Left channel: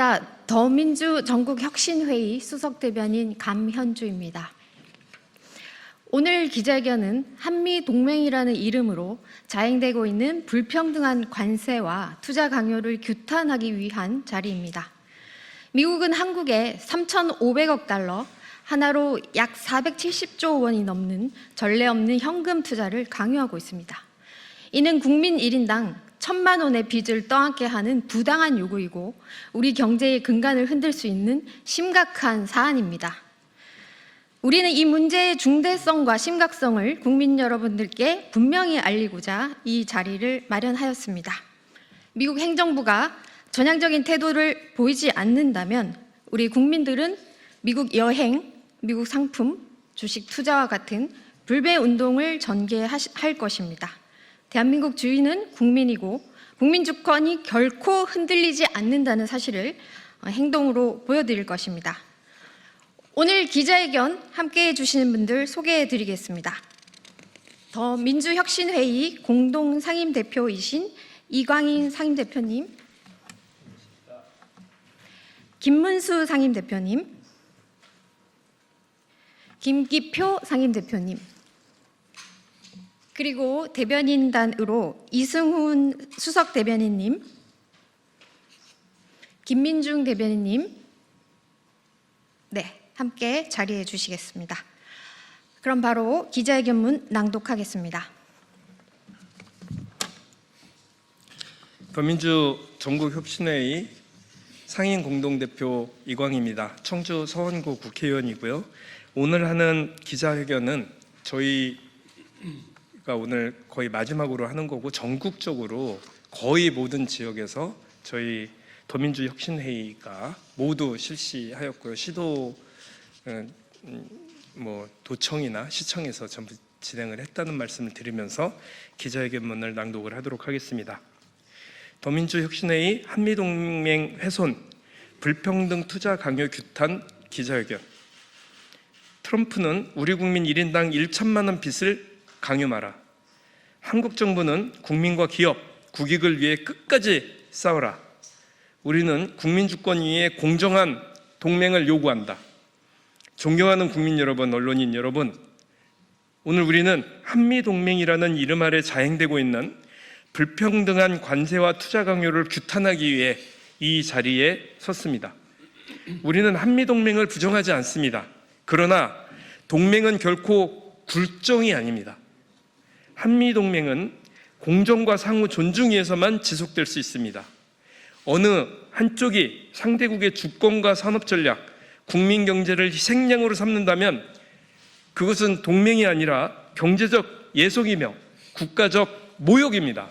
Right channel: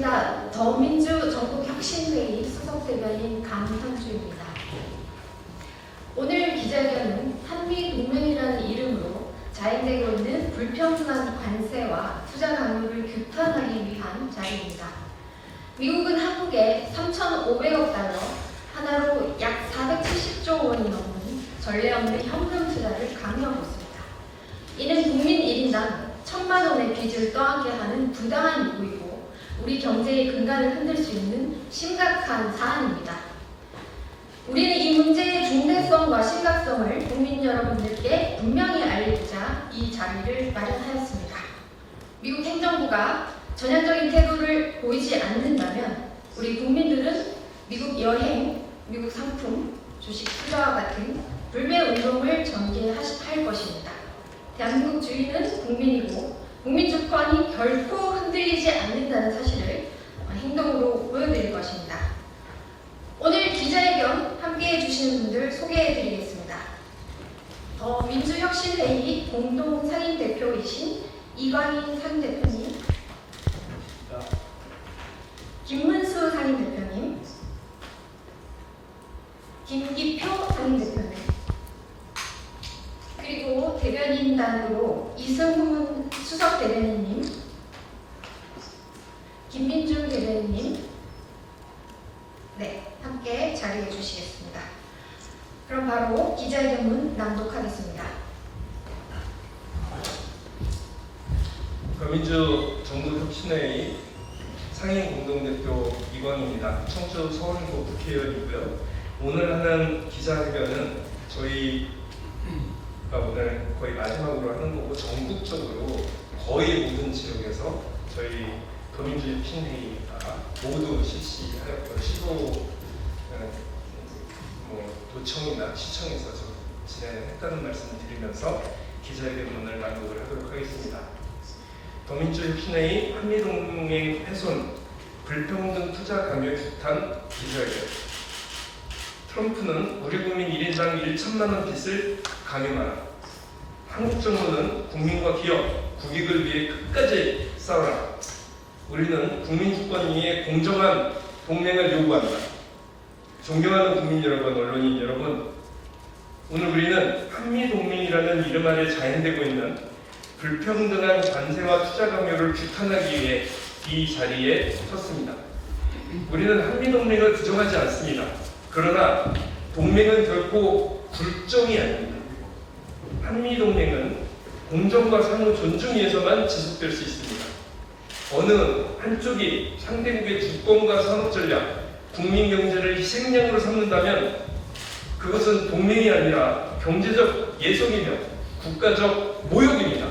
반갑습니다. 더민주 전국혁신회의 수석대변인 강현주입니다. 오늘 기자회견은 한미동맹이라는 이름으로 자행되고 있는 불평등한 관세와 투자 강요를 규탄하기 위한 자리입니다. 미국은 한국에 3,500억 달러, 하나로 약 470조 원이 넘는 전례 없는 현금 투자를 강요하고 있습니다. 이는 국민 1인당 1,000만 원의 빚을 떠안게 하는 부당한 요구이고 우리 경제의 근간을 흔들 수 있는 심각한 사안입니다. 우리는 이 문제의 중대성과 심각성을 국민 여러분들께 분명히 알리고자 이 자리를 마련하였습니다. 미국 행정부가 전향적인 태도를 보이지 않는다면 우리 국민들은 미국 여행, 미국 상품, 주식 투자와 같은 불매 운동을 전개할 것입니다. 대한민국 주인은 국민이고 국민 주권이 결코 흔들리지 않는다는 사실을 행동으로 보여드릴 것입니다. 오늘 기자회견 함께해 주시는 분들 소개해 드리겠습니다. 더민주혁신회의 공동상임대표이신 이광인 상임대표님, 김문수 상임대표님, 김기표 상임대표님, 그리고 대변인단으로 이승훈 수석대변인님, 김민중 대변인님, 네, 함께 자리해 주시겠습니다. 그럼 바로 기자회견문 낭독하겠습니다. 더민주 전국혁신회의 상임 공동대표 이광입니다. 청주 서원구 국회의원이고요. 오늘 하는 기자회견은 저희가 오늘 거의 마지막으로 하는 거고 전국적으로 거의 모든 지역에서 저희 더민주혁신회의가 모두 실시하였고요. 시도 도청이나 시청에서 진행을 했다는 말씀을 드리면서 기자회견문을 낭독을 하도록 하겠습니다. 더민주혁신회의 한미동맹 훼손, 불평등 투자 강요 규탄 기자회견. 트럼프는 우리 국민 1인당 1천만 원 빚을 강요 마라. 한국 정부는 국민과 기업, 국익을 위해 끝까지 싸워라. 우리는 국민 주권 위에 공정한 동맹을 요구한다. 존경하는 국민 여러분, 언론인 여러분, 오늘 우리는 한미동맹이라는 이름 아래 자행되고 있는 불평등한 관세와 투자 강요를 규탄하기 위해 이 자리에 섰습니다. 우리는 한미동맹을 부정하지 않습니다. 그러나 동맹은 결코 굴종이 아닙니다. 한미동맹은 공정과 상호 존중 위에서만 지속될 수 있습니다. 어느 한쪽이 상대국의 주권과 산업 전략, 국민 경제를 희생양으로 삼는다면 그것은 동맹이 아니라 경제적 예속이며 국가적 모욕입니다.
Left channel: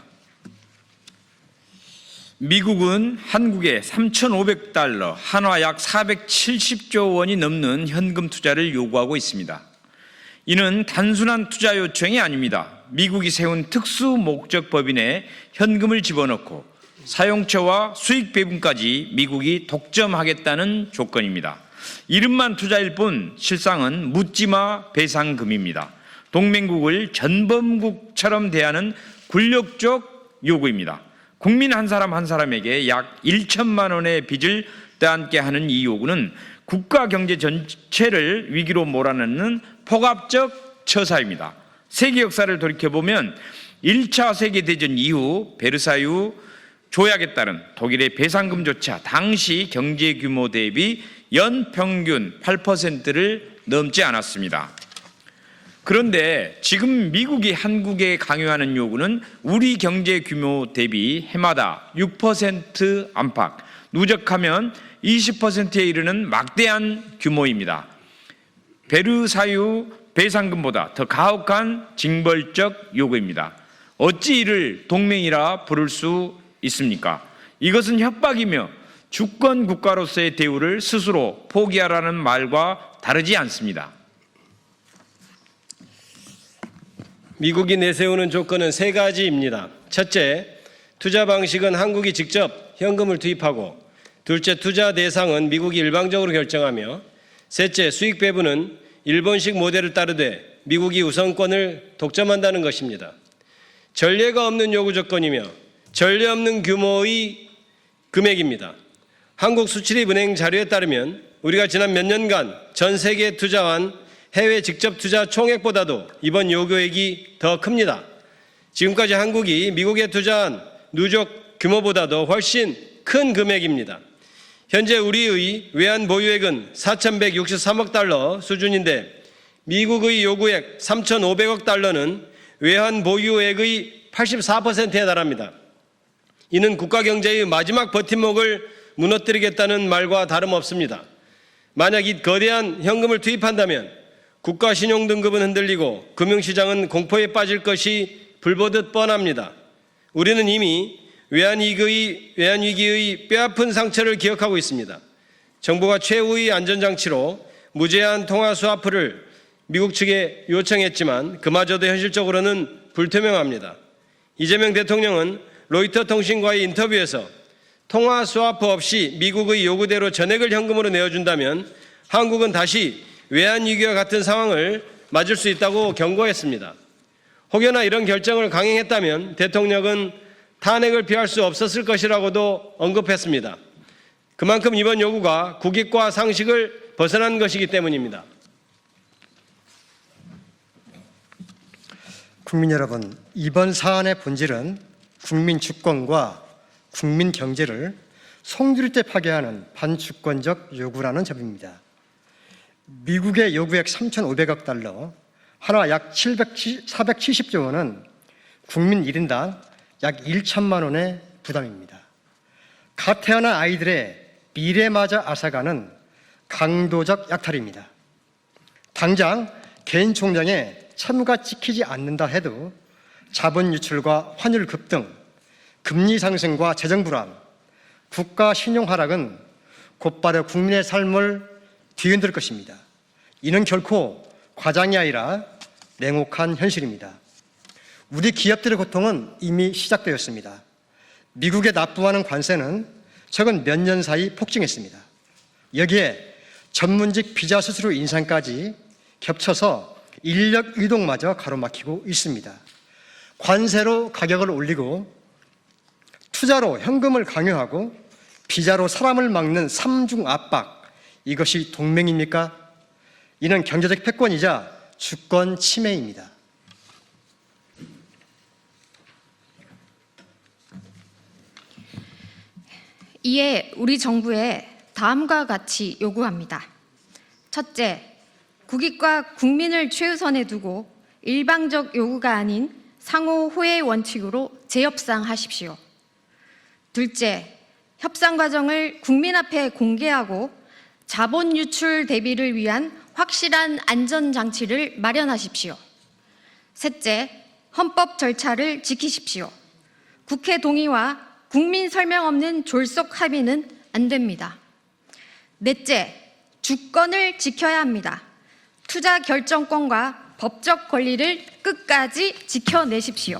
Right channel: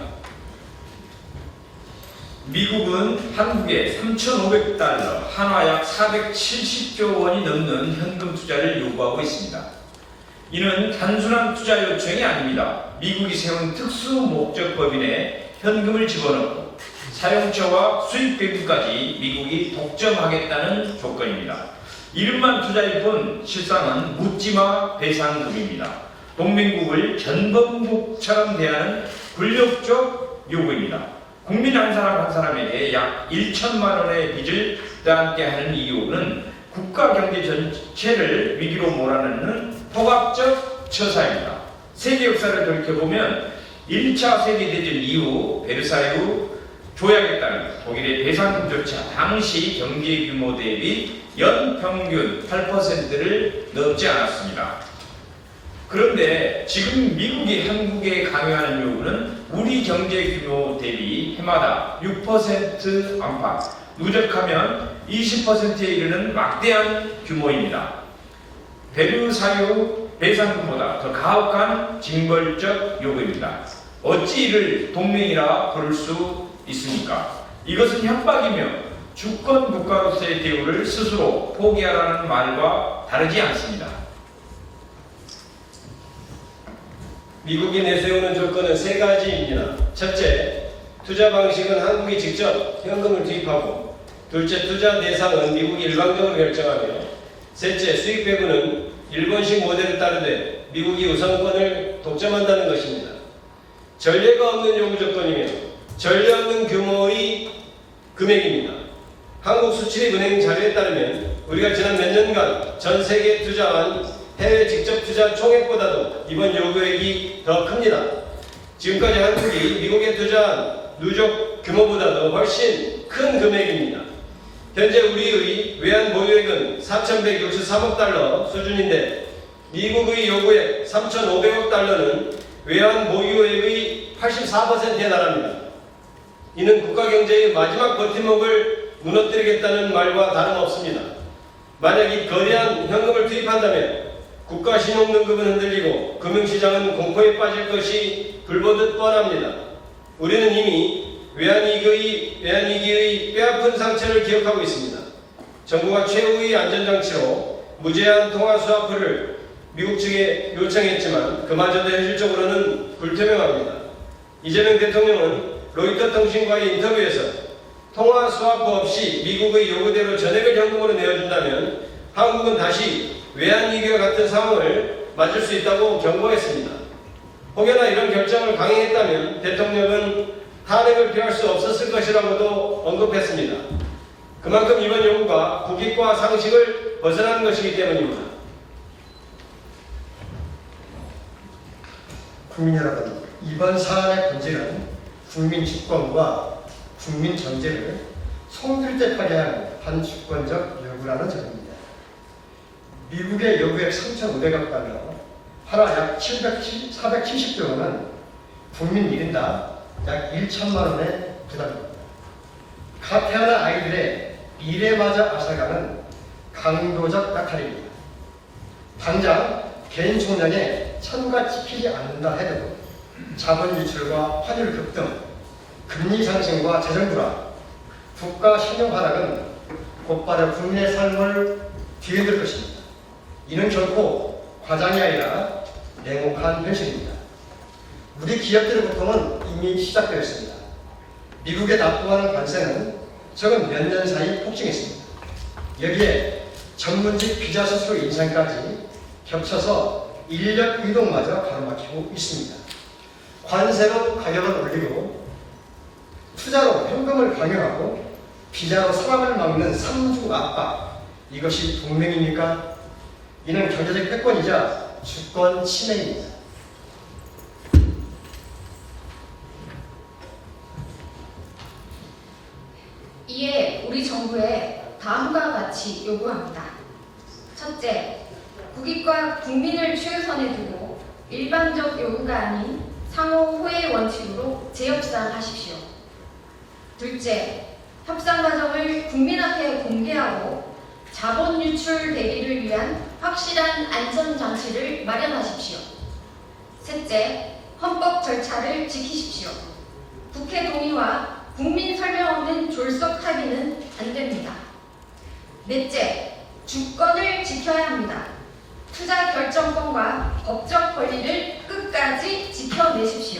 미국은 한국에 3,500달러, 한화 약 470조 원이 넘는 현금 투자를 요구하고 있습니다. 이는 단순한 투자 요청이 아닙니다. 미국이 세운 특수 목적 법인에 현금을 집어넣고 사용처와 수익 배분까지 미국이 독점하겠다는 조건입니다. 이름만 투자일 뿐 실상은 묻지마 배상금입니다. 동맹국을 전범국처럼 대하는 굴욕적 요구입니다. 국민 한 사람 한 사람에게 약 1천만 원의 빚을 떠안게 하는 이 요구는 국가 경제 전체를 위기로 몰아넣는 폭압적 처사입니다. 세계 역사를 돌이켜보면 1차 세계대전 이후 베르사유 조약에 따른 독일의 배상금조차 당시 경제 규모 대비 연평균 8%를 넘지 않았습니다. 그런데 지금 미국이 한국에 강요하는 요구는 우리 경제 규모 대비 해마다 6% 안팎, 누적하면 20%에 이르는 막대한 규모입니다. 베르사유 배상금보다 더 가혹한 징벌적 요구입니다. 어찌 이를 동맹이라 부를 수 있습니까? 이것은 협박이며 주권 국가로서의 대우를 스스로 포기하라는 말과 다르지 않습니다. 미국이 내세우는 조건은 세 가지입니다. 첫째, 투자 방식은 한국이 직접 현금을 투입하고, 둘째, 투자 대상은 미국이 일방적으로 결정하며, 셋째, 수익 배분은 일본식 모델을 따르되 미국이 우선권을 독점한다는 것입니다. 전례가 없는 요구 조건이며 전례 없는 규모의 금액입니다. 한국수출입은행 자료에 따르면 우리가 지난 몇 년간 전 세계에 투자한 해외 직접 투자 총액보다도 이번 요구액이 더 큽니다. 지금까지 한국이 미국에 투자한 누적 규모보다도 훨씬 큰 금액입니다. 현재 우리의 외환 보유액은 4,163억 달러 수준인데 미국의 요구액 3,500억 달러는 외환 보유액의 84%에 달합니다. 이는 국가 경제의 마지막 버팀목을 무너뜨리겠다는 말과 다름없습니다. 만약 이 거대한 현금을 투입한다면 국가 신용 등급은 흔들리고 금융시장은 공포에 빠질 것이 불보듯 뻔합니다. 우리는 이미 외환위기의 뼈아픈 상처를 기억하고 있습니다. 정부가 최후의 안전장치로 무제한 통화 스와프를 미국 측에 요청했지만 그마저도 현실적으로는 불투명합니다. 이재명 대통령은 로이터 통신과의 인터뷰에서 통화 스와프 없이 미국의 요구대로 전액을 현금으로 내어준다면 한국은 다시 외환위기와 같은 상황을 맞을 수 있다고 경고했습니다. 혹여나 이런 결정을 강행했다면 대통령은 탄핵을 피할 수 없었을 것이라고도 언급했습니다. 그만큼 이번 요구가 국익과 상식을 벗어난 것이기 때문입니다. 국민 여러분, 이번 사안의 본질은 국민 주권과 국민 경제를 송두리째 파괴한 반주권적 요구라는 점입니다. 미국의 요구액 3,500억 달러, 하나 약 470조 원은 국민 1인당 약 1천만 원의 부담입니다. 갓 태어난 아이들의 미래마저 앗아가는 강도적 약탈입니다. 당장 개인 총량에 천가 지키지 않는다 해도 자본 유출과 환율 급등, 금리 상승과 재정 불안, 국가 신용 하락은 곧바로 국민의 삶을 뒤흔들 것입니다. 이는 결코 과장이 아니라 냉혹한 현실입니다. 우리 기업들의 고통은 이미 시작되었습니다. 미국에 납부하는 관세는 최근 몇 년 사이 폭증했습니다. 여기에 전문직 비자 수수료 인상까지 겹쳐서 인력 이동마저 가로막히고 있습니다. 관세로 가격을 올리고 투자로 현금을 강요하고 비자로 사람을 막는 삼중 압박, 이것이 동맹입니까? 이는 경제적 패권이자 주권 침해입니다. 이에 우리 정부에 다음과 같이 요구합니다. 첫째, 국익과 국민을 최우선에 두고 일방적 요구가 아닌 상호 호혜 원칙으로 재협상하십시오. 둘째, 협상 과정을 국민 앞에 공개하고 자본 유출 대비를 위한 확실한 안전장치를 마련하십시오. 셋째, 헌법 절차를 지키십시오. 국회 동의와 국민 설명 없는 졸속 합의는 안 됩니다. 넷째, 주권을 지켜야 합니다. 투자 결정권과 법적 권리를 끝까지 지켜내십시오.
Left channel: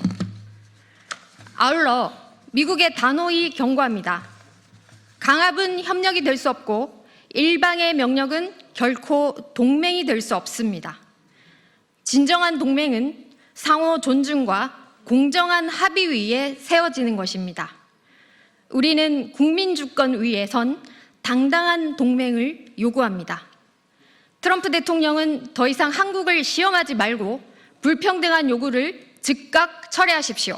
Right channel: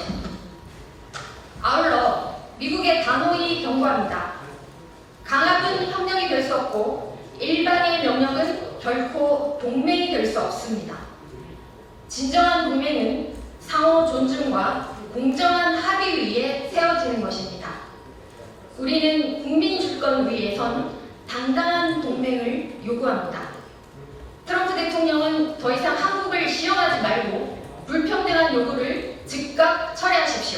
아울러 미국의 단호히 경고합니다. 강압은 협력이 될 수 없고 일방의 명령은 결코 동맹이 될 수 없습니다. 진정한 동맹은 상호 존중과 공정한 합의 위에 세워지는 것입니다. 우리는 국민 주권 위에 선 당당한 동맹을 요구합니다. 트럼프 대통령은 더 이상 한국을 시험하지 말고 불평등한 요구를 즉각 철회하십시오.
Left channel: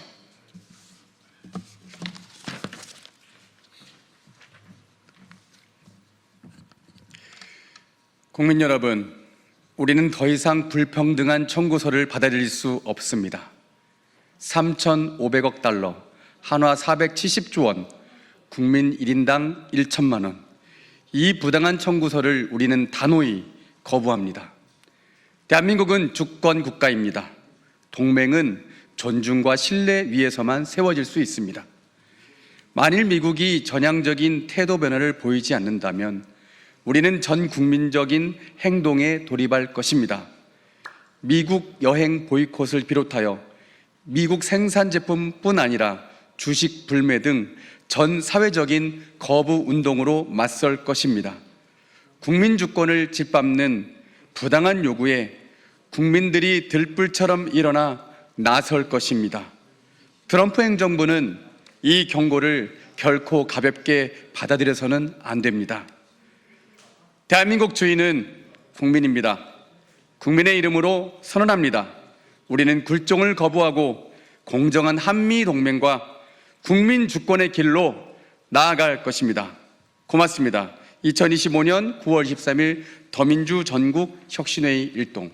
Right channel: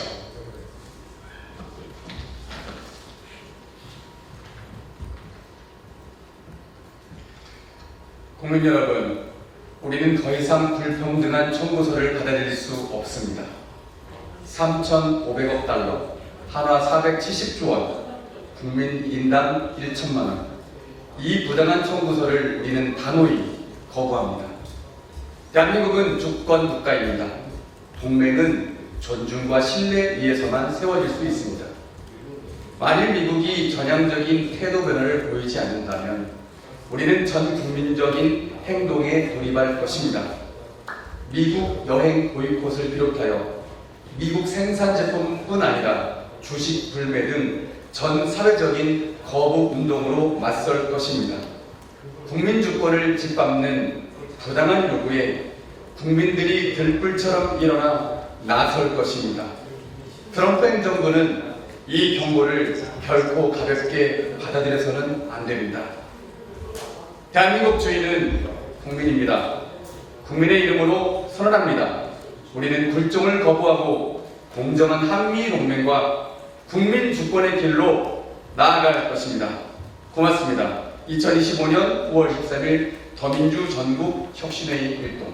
국민 여러분, 우리는 더 이상 불평등한 청구서를 받아들일 수 없습니다. 3,500억 달러, 한화 470조 원, 국민 1인당 1천만 원. 이 부당한 청구서를 우리는 단호히 거부합니다. 대한민국은 주권 국가입니다. 동맹은 존중과 신뢰 위에서만 세워질 수 있습니다. 만일 미국이 전향적인 태도 변화를 보이지 않는다면 우리는 전 국민적인 행동에 돌입할 것입니다. 미국 여행 보이콧을 비롯하여 미국 생산 제품뿐 아니라 주식 불매 등 전 사회적인 거부 운동으로 맞설 것입니다. 국민 주권을 짓밟는 부당한 요구에 국민들이 들불처럼 일어나 나설 것입니다. 트럼프 행정부는 이 경고를 결코 가볍게 받아들여서는 안 됩니다. 대한민국 주인은 국민입니다. 국민의 이름으로 선언합니다. 우리는 굴종을 거부하고 공정한 한미 동맹과 국민 주권의 길로 나아갈 것입니다. 고맙습니다. 2025년 9월 13일 더민주 전국 혁신회의 일동